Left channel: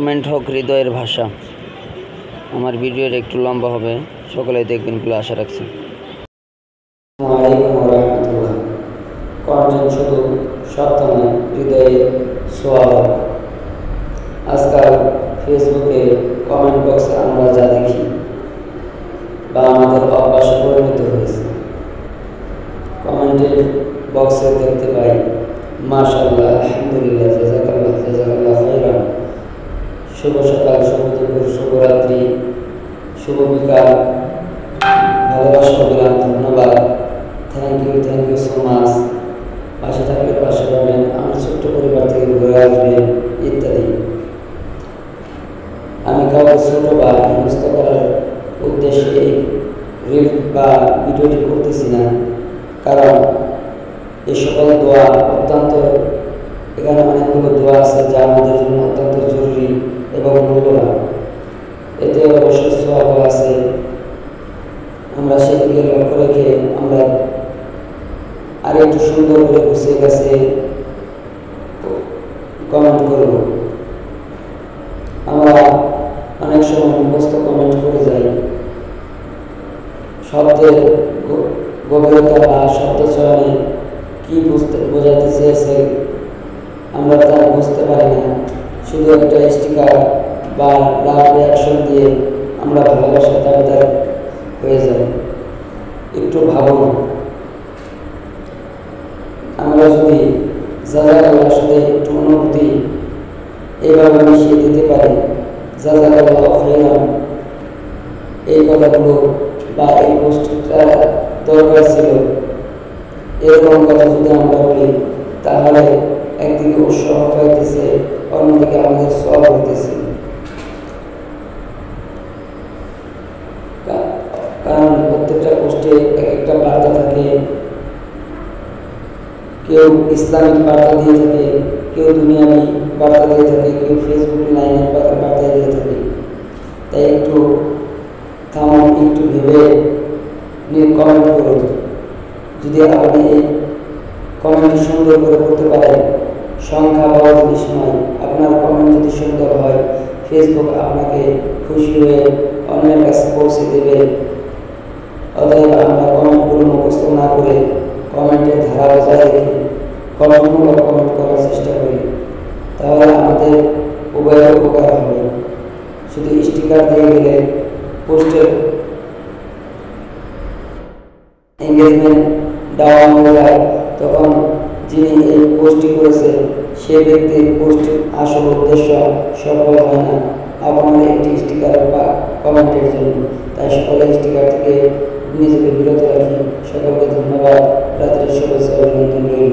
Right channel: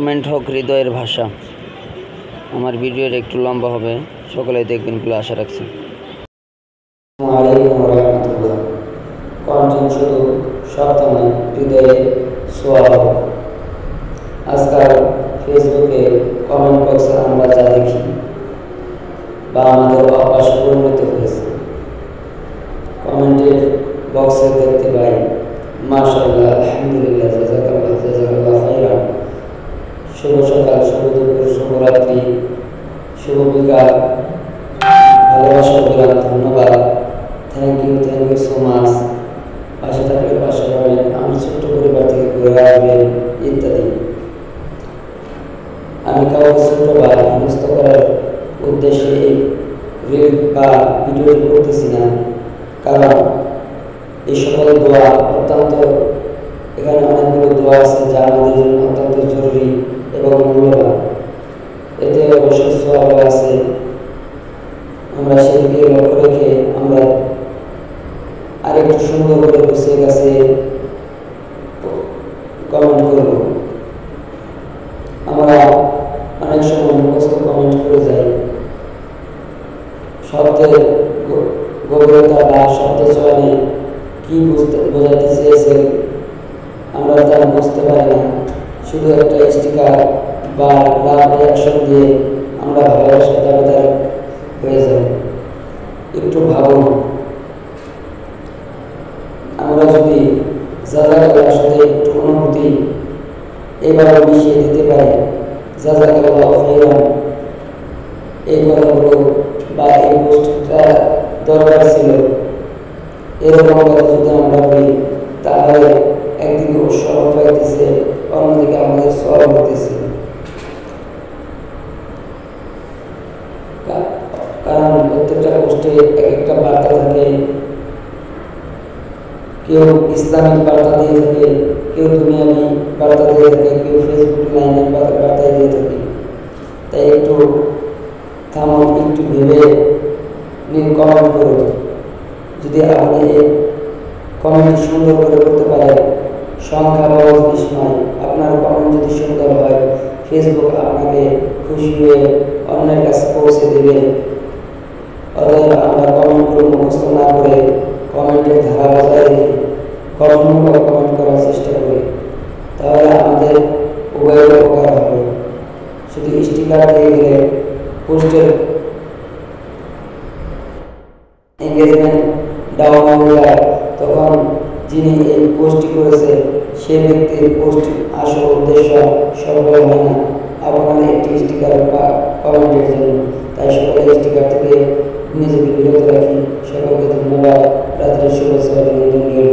Comment হোক হৃদয়ের ভাষা। আমার ভিডিওর একটু লম্বা হবে, সকলে দেখবেন বলে আশা রাখছি। আসসালামু আলাইকুম ওয়া রাহমাতুল্লাহ। কন্টেন্ট শুধু শব্দ নয়, হৃদয়ে ছোঁয়া। আজকাল ফেসবুকে কমেন্ট বক্সে আমরা যা দেখি বা আমাদের অভ্যাসে পরিণত হয়েছে, কমেন্টের বক্সে দেখতে পাই মাশাআল্লাহ, আলহামদুলিল্লাহ, জাযাকাল্লাহ, জাযাকাল্লাহ খাইরান, শুভ সকাল, শুভ দুপুর, শুভরাত্রি, শুভ বিকাল, ভালোবাসা অবিরাম, ধন্যবাদ, থ্যাংক ইউ সো মাচ, পাশে থাকলে পাশে পাবেন, আমার ছোট্ট পরিবার থেকে ঘুরে আসবেন ইত্যাদি। আমি কাউকে ছোট বা হেনস্থ করার উদ্দেশ্যে এই রিল বা ভিডিওটি করতেছি না, কারণ এই সকল দোয়া অত্যন্ত, এখানে অনেকগুলো দোয়া আছে যা আমাদের জন্য অত্যন্ত জরুরি এবং মূল্যবান। এতে অবশ্যই সওয়াব আছে। আমরা সেদিকে লক্ষ্য রেখে আমরা আর একটু সুন্দর করে গুছিয়ে কাছে কমেন্ট করব। আমরা অনেক সময় মুখস্থ কমেন্ট করে যাই, শব্দের গভীরতা বা শব্দ চয়নে কী বোঝাতে চেয়েছে আমরা তা বুঝতে পারি না। শুধু একটা স্টিকার বা লাভ রিয়াকশন দিয়ে আমরা ভালোবাসার দাবিদার হয়ে যাই। একটু ভাবুন, আমরা যদি জাযাকাল্লাহর সাথে একটু অনুভূতি এভাবে মিশিয়ে দিতে পারি, জাযাকাল্লাহ খাইরান, এই কথাগুলো বা এই পোস্টটা দরকার ছিল, এরকম কথা যদি আমরা বলি, তাহলে একদিকে উৎসাহ পাইতেছে, অন্যদিকে আমাদের সওয়াব হইতেছে। কারণ প্রত্যেকটা পোস্টে এক একটা বার্তা থাকে, কেউ ইসলামিক বার্তা দিয়ে থাকে, কেউ দুনিয়াবি বার্তা দিয়ে থাকে, কেউ ফেসবুক লাইনের বার্তায় দিয়ে থাকে। তাই একটু থামুন, একটু ভেবে কমেন্ট করুন। যদি আপনি এই কমেন্টটি সুন্দর করে করতে পারেন, সংখ্যা বড় জিনিস নয়, আপনার কমেন্ট যদি সুন্দর হয়, ফেসবুক আপনাকে খুশি হয়ে অন্যের কাছে পৌঁছে দেবে। অতএব আমরা কমেন্টগুলো মুখস্থ না করে কমেন্টের ধারা বজায় রেখে গঠনমূলক কমেন্ট করার চেষ্টা করি, তাহলে আমাদের উভয়ের উপকার হবে। শুধু স্টিকার দিয়ে গেলে পোস্টের এঙ্গেজমেন্ট ডাউন হয়ে যায়, তখন যিনি এই পোস্টটি করেছে সে ব্যক্তির পোস্ট আসল উদ্দেশ্য সফল হয় না আপনার একটি স্টিকার বা কমেন্টের জন্য। তাই সকলে স্টিকার থেকে নিজেকে বিরত রাখি। সকলকে ধন্যবাদ। রাত্রের শুভেচ্ছা অভিনন্দন রইল।